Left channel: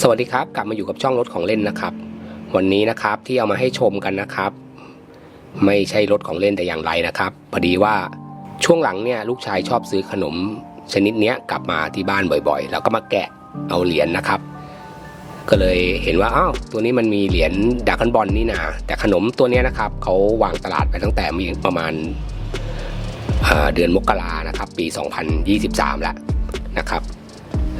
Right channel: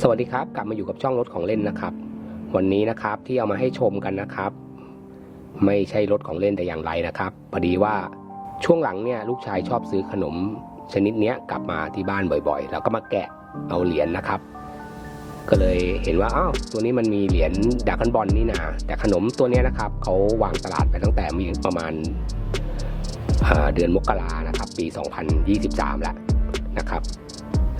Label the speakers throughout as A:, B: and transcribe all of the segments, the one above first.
A: สวัสดีครับกลับมาอยู่กับช่องรถของเล่นนะครับ วันนี้นะครับที่เอามาให้ชมกันนะครับ ไม่ใช่รถของเล่นแต่อย่างไรนะครับพอดีว่าช่วงหลังเนี่ยลูกชายชอบซื้อขนม ชนิดเนี้ยกลับมาที่บ้านบ่อยๆ แล้วก็มาแกะเอาเหรียญนะครับ ก็เลยเห็นว่าอ้าวตัวนี้มันมีเหรียญดากอนบอลนี่นะแต่ขนมตัวเนี้ยนะครับเขาวางตลาดไปตั้งแต่มีประมาณเดือนมกรานะครับปี 2023แล้ว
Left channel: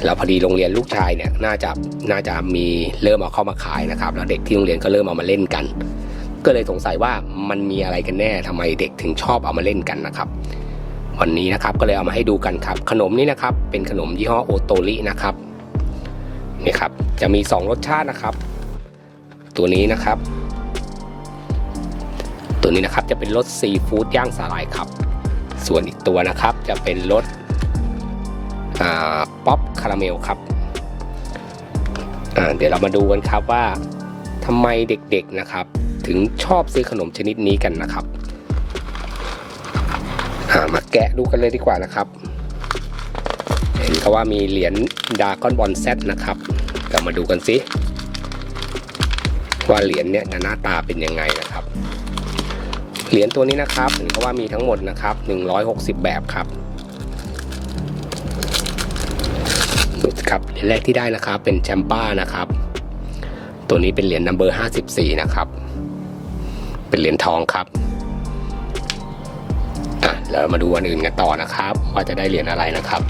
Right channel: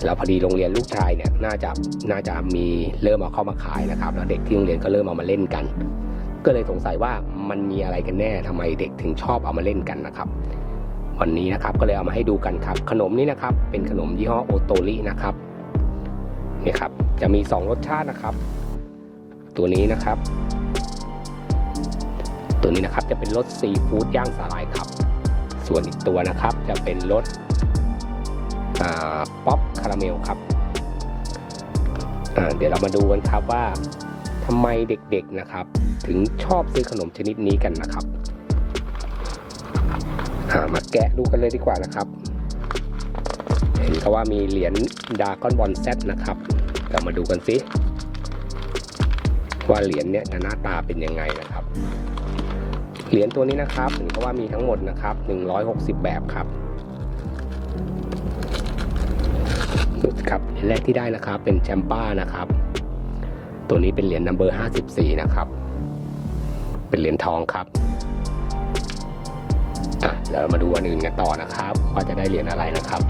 A: แล้วพอดีโรงเรียนลูกชายเนี่ยน่าจะน่าจะมีเริ่มเอาเข้ามาขายนะครับ แล้วเด็กที่โรงเรียนก็เริ่มเอามาเล่นกัน ก็เลยสงสัยว่ามันมีอะไรกันแน่ทำไมเด็กถึงชอบเอามาเล่นกันนะครับ วันนี้นะครับก็เลยเอามาให้ดูกันครับ ขนมนี้นะครับ เป็นขนมยี่ห้อโอโตรินะครับนี่ครับจะมี 2 รสชาตินะครับ ตัวนี้นะครับ ตัวนี้นะครับจะเป็นรสซีฟู้ดย่างสาหร่ายครับ ส่วนอีกตัวนะครับจะเป็นรสป๊อป เมลครับเดี๋ยวเรามาดูกันครับว่าทำไมเด็กๆนะครับ ถึงชอบซื้อขนมชนิดนี้กันนะครับามาแกะดูกันเลยดีกว่านะครับเห็นเขาว่ามีเหรียญดากอนบอลเซตนะครับเรามาดูกันสิว่าเหรียญเนี้ยหน้าตาเป็นยังไงนะครับเหรียญตัวนี้นะครับเห็นเขาว่ามีทั้งหมดนะครับ 160 แบบครับ ครับเหรียญแรกที่ได้นะครับเป็นแชมป้านะครับ ตัวนี้เป็นเหรียญนัมเบอร์54 นะครับ เป็นเหรียญทองครับอะแล้วมาดูอันอื่นกันต่อนะครับ ว่าจะได้เหรียญอะไรนะครับ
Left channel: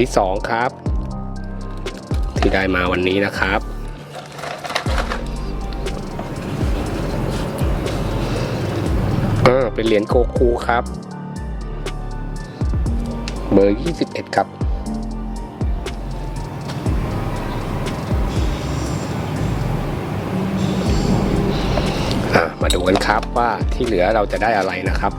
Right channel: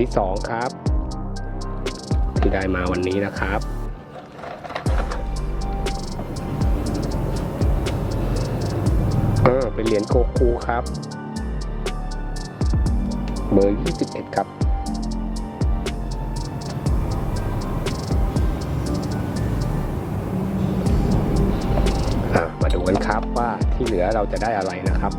A: ที่สองครับ ที่ได้มาวันนี้นะครับอ่าเป็นเหรียญโกคูครับ เบอร์ 21 ครับอะมาดูกันครับว่าที่เหลือเราจะได้อะไรนะครับ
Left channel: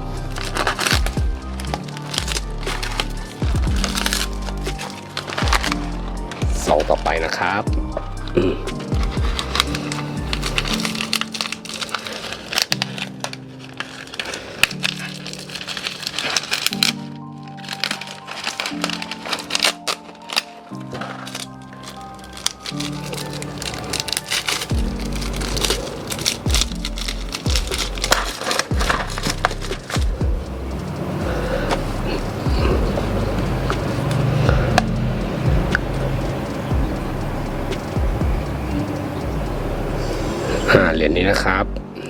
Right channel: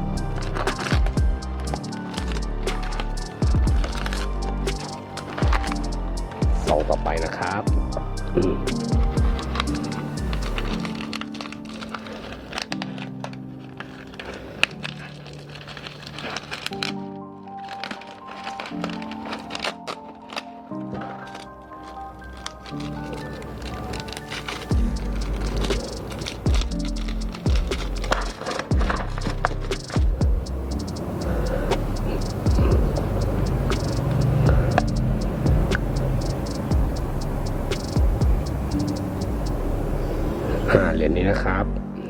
A: อ่าเหรียญนี้นะครับ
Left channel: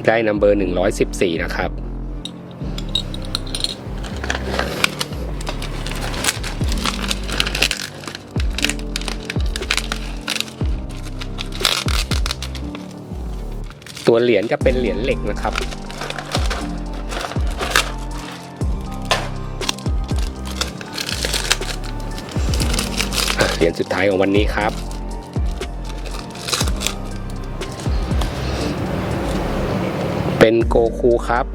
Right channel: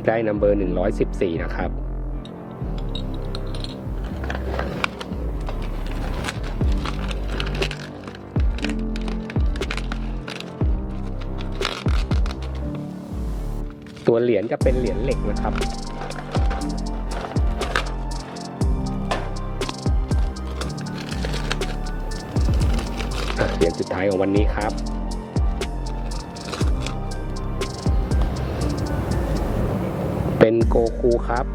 A: ได้นัมเบอร์ 114 นะครับ ตัวเหรียญจะเป็นเหรียญเหล็กนะครับเหรียญสุดท้ายของวันนี้ครับ เป็นโกคูครับ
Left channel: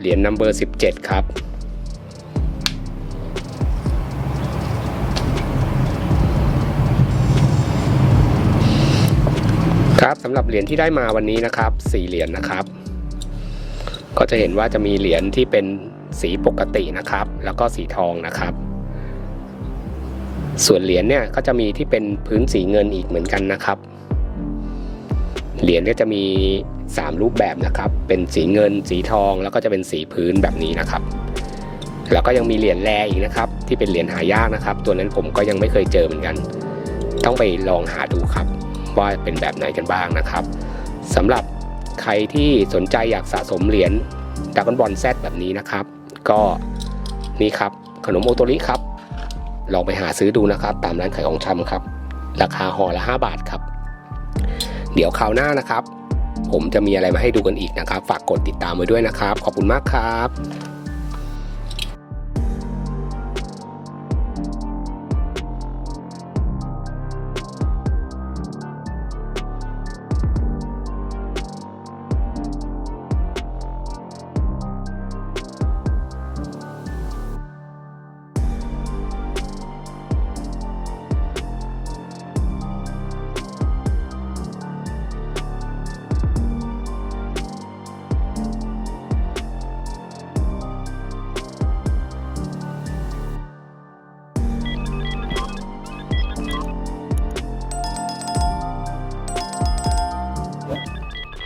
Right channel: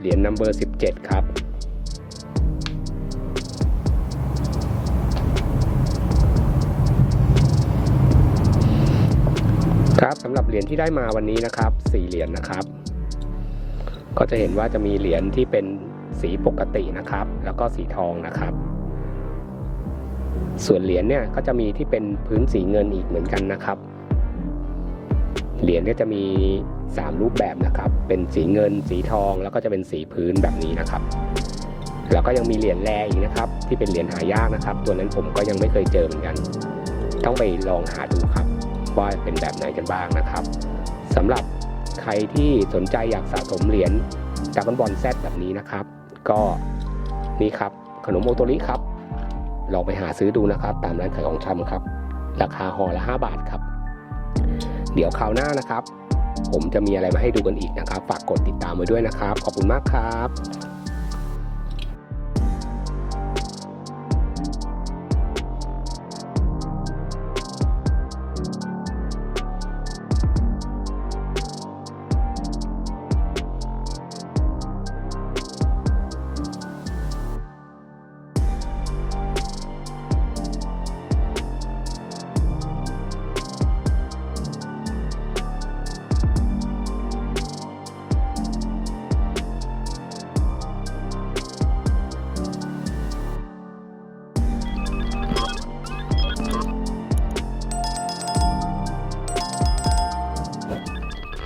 A: เหรียญนัมเบอร์ 17 ครับครับสำหรับเหรียญที่ได้มาวันนี้นะครับ4เหรียญนะครับ ก็จะเห็นว่าจะมีเหรียญที่เป็นสีปกตินะครับ แล้วก็สีทองนะครับ ส่วนเหรียญเนี่ยก็จะมีที่เป็นพื้นสีเงินอีกเหมือนกันนะครับ เหรียญก็จะมี 3 รูปแบบนะครับ เป็นสีเงิน สีทอง แล้วก็จะเป็นสีพื้นแบบนี้นะครับ แล้วก็ยังมีเหรียญแร่อีกนะครับ ที่เป็นเหรียญหายากนะครับ ตัวนั้นผมก็ยังไม่เคยเจอเหมือนกัน ต้องไปลองหาดูครับ ว่าเป็นแบบไหนกันบ้างนะครับสำหรับใครที่สนใจอยากสะสมเหรียญดับเบิลบอลแซดแบบนี้นะครับ ก็นี่ครับขนมโอโตริครับลองไปหาซื้อดูนะครับ ตามร้านขายของชำครับ ราคาห่อละ 5 บาทครับ เดี๋ยวคราวหน้านะครับ ผมจะมีอะไรมาให้ดูกันอีกนะครับ ฝากกดติดตามไว้ด้วยนะครับ ขอบคุณมากครับ